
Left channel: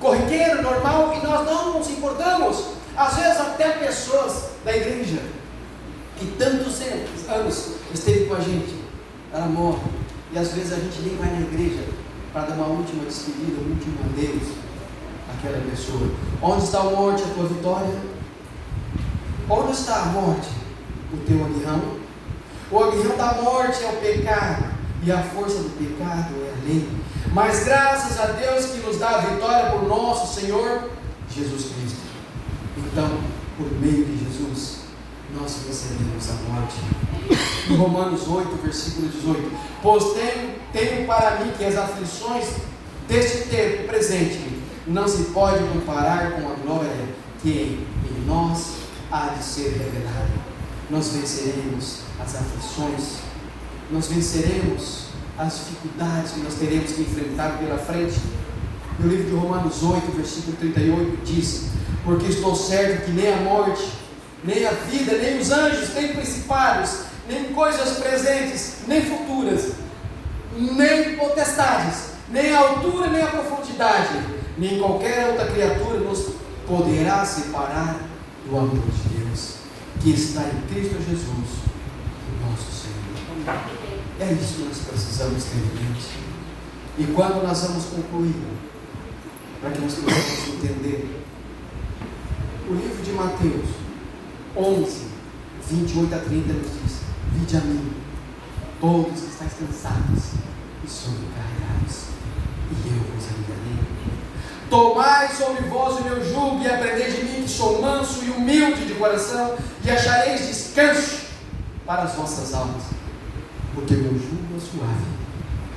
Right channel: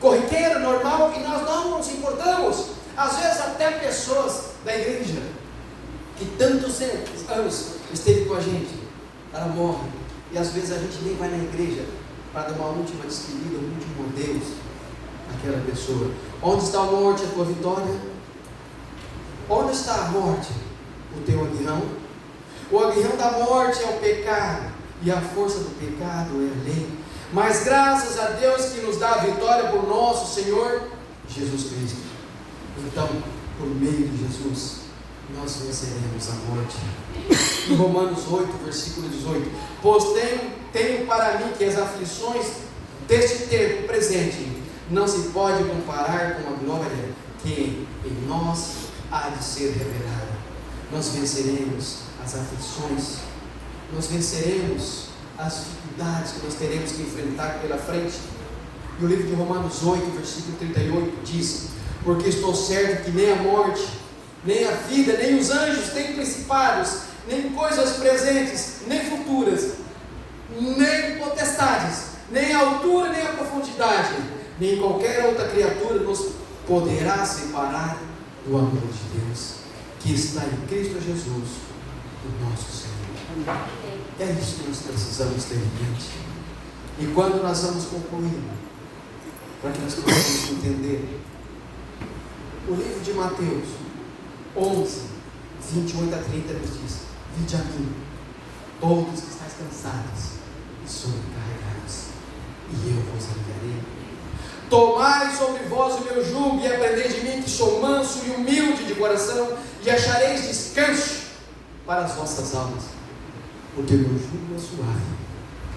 corriqueiro, normal, e nós não nos importamos. Às vezes até pessoas da igreja, que tantos anos esteve com a gente, ela morre, e às vezes a gente nem vai na igreja para dar uma última despedida, um último adeus àquela pessoa. Onde está a morte, a tua vitória? Onde está a morte? O teu aguilhão? O aguilhão da morte é o pecado, e a força do pecado é a lei. Mas graças a Deus que nos dá a vitória por nosso Senhor Jesus Cristo. Então, por meio de Jesus, nós venceremos a morte. Em Romanos 8, versículo 18: pois tenho para mim que as aflições deste tempo presente não se pode comparar com a glória que em nós há de ser revelada. Nós venceremos as aflições, nós venceremos as dificuldades que nós teremos que enfrentar pela frente. No livro de Romanos 8, versículo 38 diz: porque estou certo que nem a morte, nem a vida, nem os anjos, nem principados, nem coisas presentes, nem futuras, nem potestades, nem a altura, nem a profundidade, nem qualquer outra criatura nos poderá separar do amor de Deus, que está em Cristo Jesus, o nosso Senhor. É isso que nós precisamos ter em mente. E quando nós vamos concluir, para que nós possamos entender, o livro de Mateus 11, 28 a 30 nos diz: vinde a mim, todos que estáis cansados e sobrecarregados, e eu vos aliviarei. Tomai sobre vós o meu jugo e aprendei de mim, que sou manso e humilde de coração, e achareis descanso para as vossas almas, porque o meu jugo é suave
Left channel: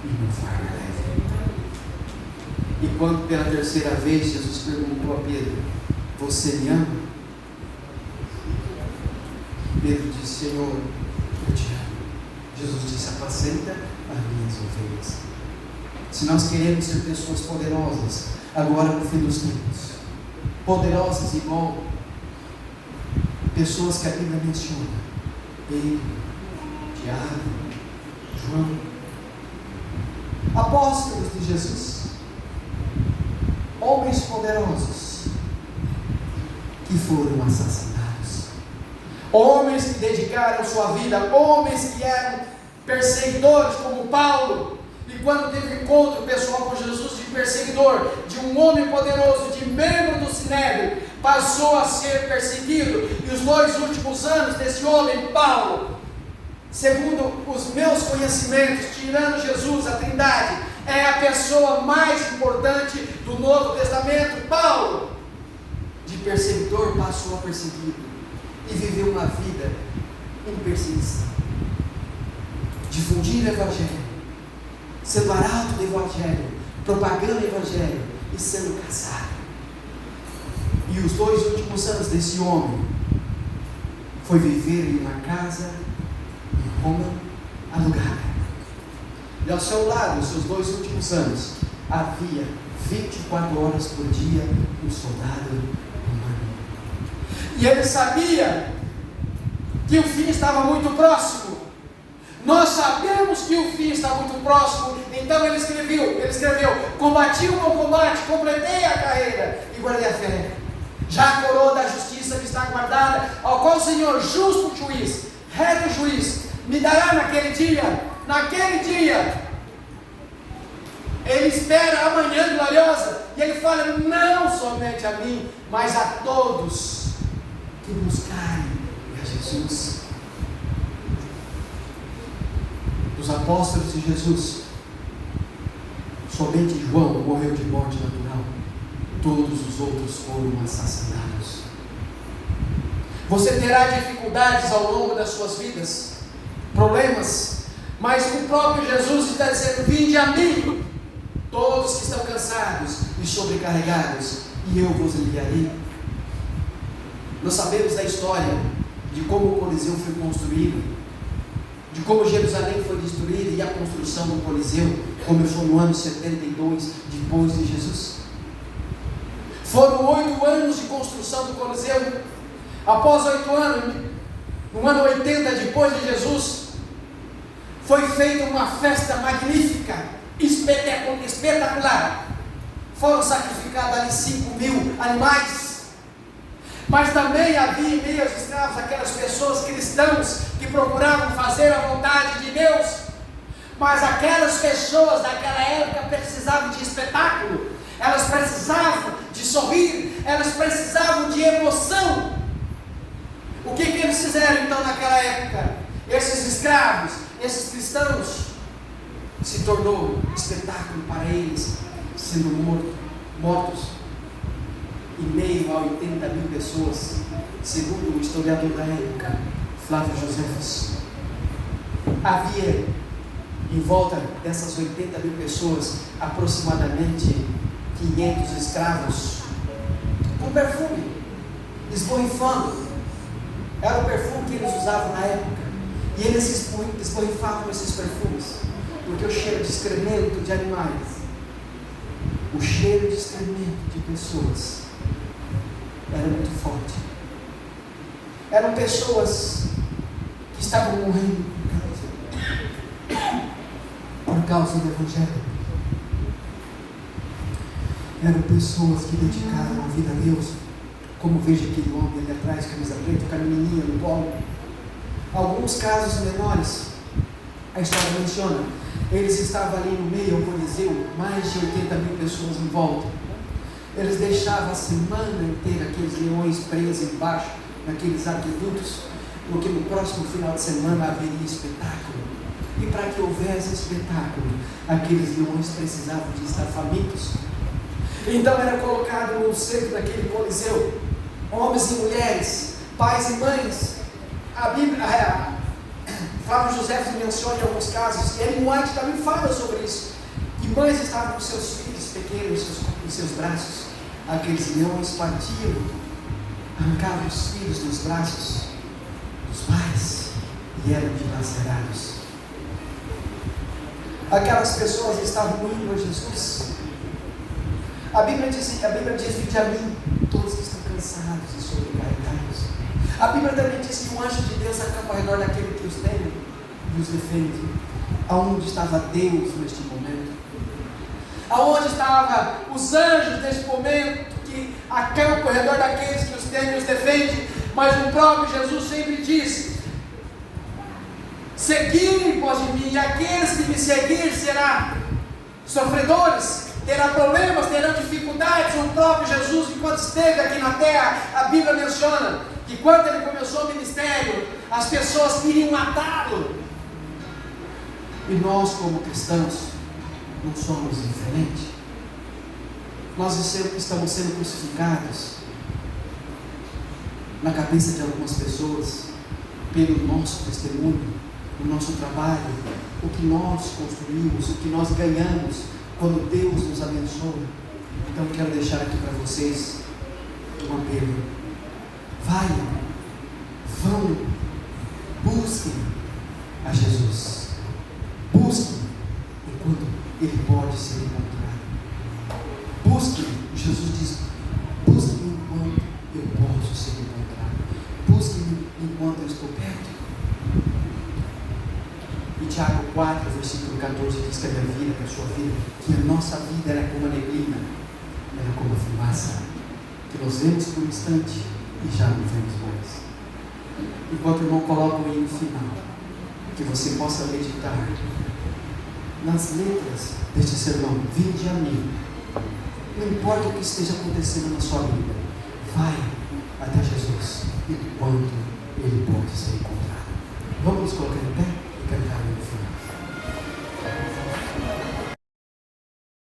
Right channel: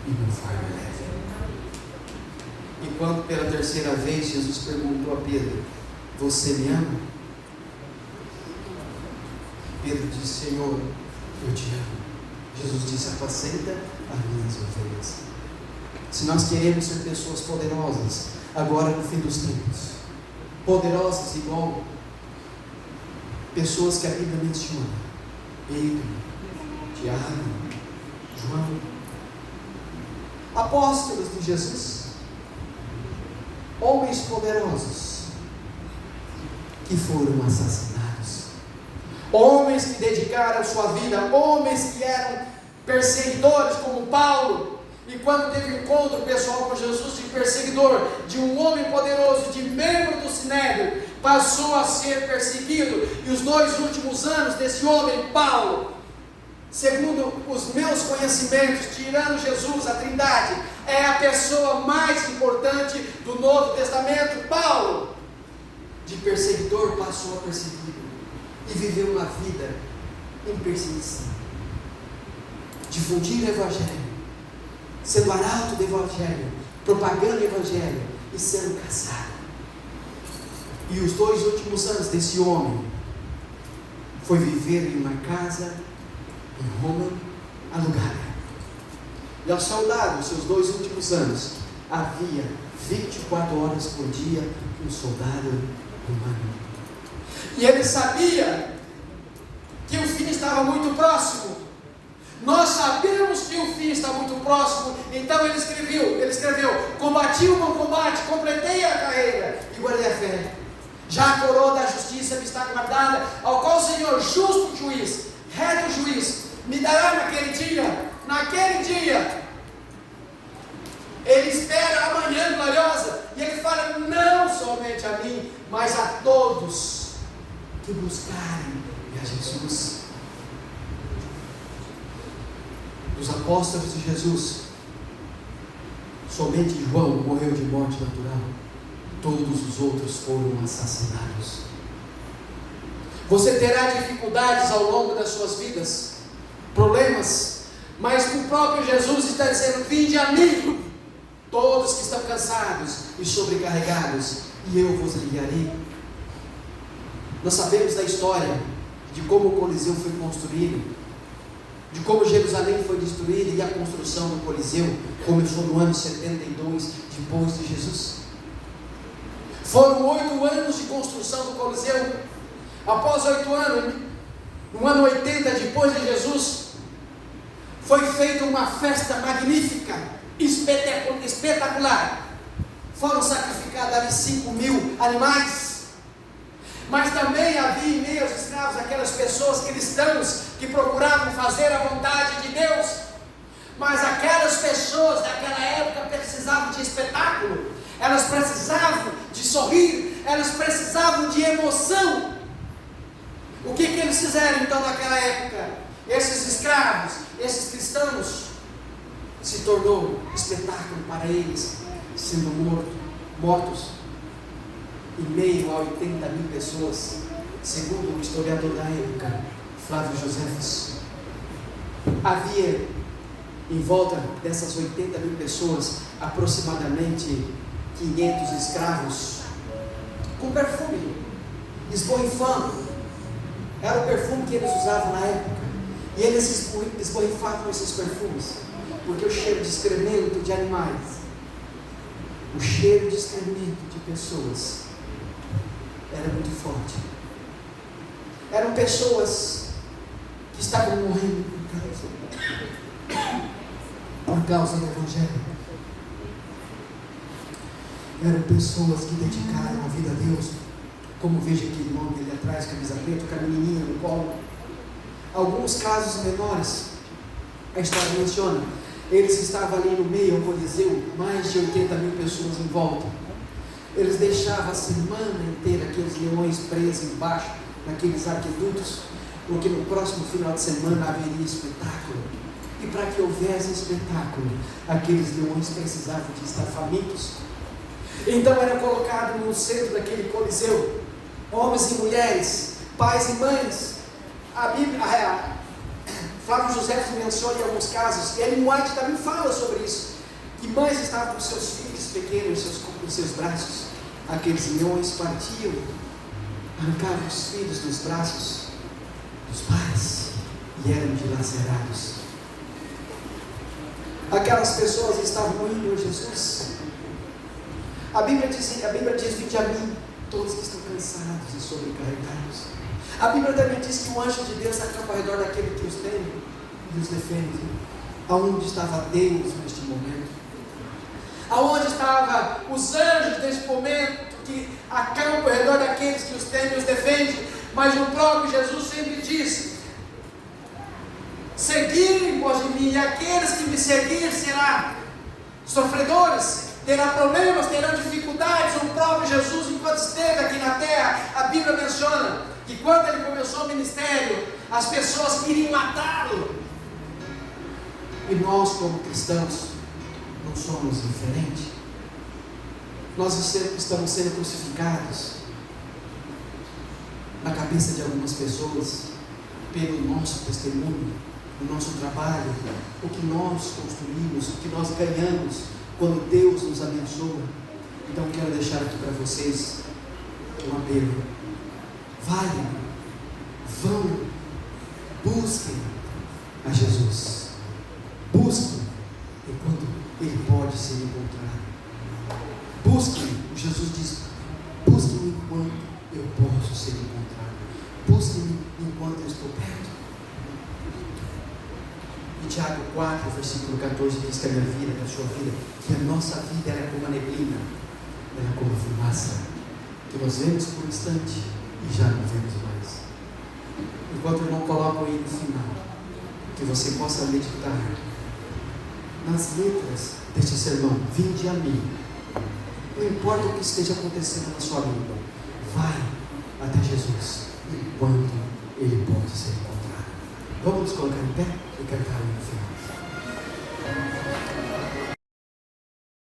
e o meu fardo é leve. E quando pela terceira vez Jesus perguntou a Pedro: você me ama? Pedro disse: Senhor, eu te amo. Jesus disse: apacenta as minhas ovelhas. Se nós queremos ser pessoas poderosas, agora no fim dos tempos, poderosas igual pessoas que a Bíblia menciona, Pedro, Tiago, João, apóstolos de Jesus, homens poderosos que foram assassinados, homens que dedicaram sua vida, homens que eram perseguidores como Paulo, e quando teve encontro pessoal com Jesus de perseguidor, de um homem poderoso, de membro do Sinédrio, passou a ser perseguido. E os 2 últimos anos desse homem, Paulo, segundo os meus conhecimentos, tirando Jesus, a Trindade, é a pessoa mais importante do Novo Testamento. Paulo, de perseguidor, passou a perseguido e viveu uma vida em perseguição, difundir o Evangelho, sendo arauto do Evangelho, propagando o Evangelho e sendo caçado. E os 2 últimos anos desse homem foi viver em uma casa em Roma alugada. E ao seu lado, nos seus 2 últimos anos, havia 24 horas por dia um soldado romano. E ele sabia que o fim estava muito próximo. Nós sabemos que o fim está muito próximo, então ele escreveu: combati o bom combate, completei a carreira e guardei a fé. Já a coroa da justiça me está guardada, ao qual o Senhor, justo juiz, reto juiz, me dará naquele dia. Ele espera a manhã gloriosa, e ele fala: não somente a mim, mas a todos que buscarem a Jesus. Os apóstolos de Jesus, somente João morreu de morte natural, todos os outros foram assassinados. Você terá dificuldades ao longo das suas vidas, problemas, mas o próprio Jesus está dizendo: vinde a mim, todos que estão cansados e sobrecarregados, e eu vos aliviarei. Nós sabemos da história de como o Coliseu foi construído, de como Jerusalém foi destruída, e a construção do Coliseu começou no ano 72 depois de Jesus. Foram 8 anos de construção do Coliseu. Após 8 anos, no ano 80 depois de Jesus, foi feita uma festa magnífica, espetacular. Foram sacrificados ali 5.000 animais. Mas também havia em meio aos escravos aquelas pessoas cristãs que procuravam fazer a vontade de Deus. Mas aquelas pessoas daquela época precisavam de espetáculo, elas precisavam de sorrir, elas precisavam de emoção. O que eles fizeram então naquela época? Esses escravos, esses cristãos, se tornou espetáculo para eles, sendo mortos em meio a 80.000 pessoas, segundo o historiador da época, Flávio Joséfos. Havia em volta dessas 80.000 pessoas aproximadamente 500 escravos com perfume, esborrifando. Era o perfume que eles usavam na época, e eles esborrifavam esses perfumes, porque o cheiro de excremento de animais, o cheiro de excremento de pessoas era muito forte. Eram pessoas que estavam morrendo por causa do Evangelho. Eram pessoas que dedicaram a vida a Deus, como veja aquele homem ali atrás, camisa preta, com a menininha no colo. Alguns casos menores, a história menciona, eles estavam ali no meio do Coliseu, mais de 80.000 pessoas em volta. Eles deixavam a semana inteira aqueles leões presos embaixo, naqueles aquedutos, porque no próximo final de semana haveria espetáculo. E para que houvesse espetáculo, aqueles leões precisavam de estar famintos. Então era colocado no centro daquele Coliseu, homens e mulheres, pais e mães. A Bíblia, Flávio José menciona em alguns casos, e Ellen White também fala sobre isso, que mães estavam com seus filhos, pequenos em seus braços. Aqueles leões partiam, arrancavam os filhos dos braços dos pais e eram dilacerados. Aquelas pessoas estavam indo a Jesus. A Bíblia diz: vinde a mim, todos que estão cansados e sobrecarregados. A Bíblia também diz que o anjo de Deus acampa ao redor daquele que os teme e os defende. Aonde estava Deus neste momento? Aonde estavam os anjos neste momento que acampam ao redor daqueles que os temem e os defende? Mas o próprio Jesus sempre diz: seguirem após de mim, e aqueles que me seguirem serão sofredores, terão problemas, terão dificuldades. O próprio Jesus, enquanto esteve aqui na terra, a Bíblia menciona que quando ele começou o ministério, as pessoas queriam matá-lo. E nós, como cristãos, não somos diferentes. Nós estamos sendo crucificados na cabeça de algumas pessoas pelo nosso testemunho, o nosso trabalho, o que nós construímos, o que nós ganhamos quando Deus nos abençoa. Então quero deixar aqui para vocês um apelo: vão, busquem a Jesus, busquem enquanto Ele pode ser encontrado. Busquem, Jesus diz: busquem enquanto eu posso ser encontrado, busquem enquanto eu estou perto. E Tiago 4, versículo 14 diz que a minha vida, que a sua vida, que a nossa vida era como a neblina, era como a fumaça, que nós vemos por um instante e já não vemos mais. Enquanto o irmão coloca aí no final, que você possa meditar nas letras deste sermão: vinde a mim. Não importa o que esteja acontecendo na sua vida, vai até Jesus enquanto Ele pode ser encontrado. Vamos nos colocar em pé e cantar no final.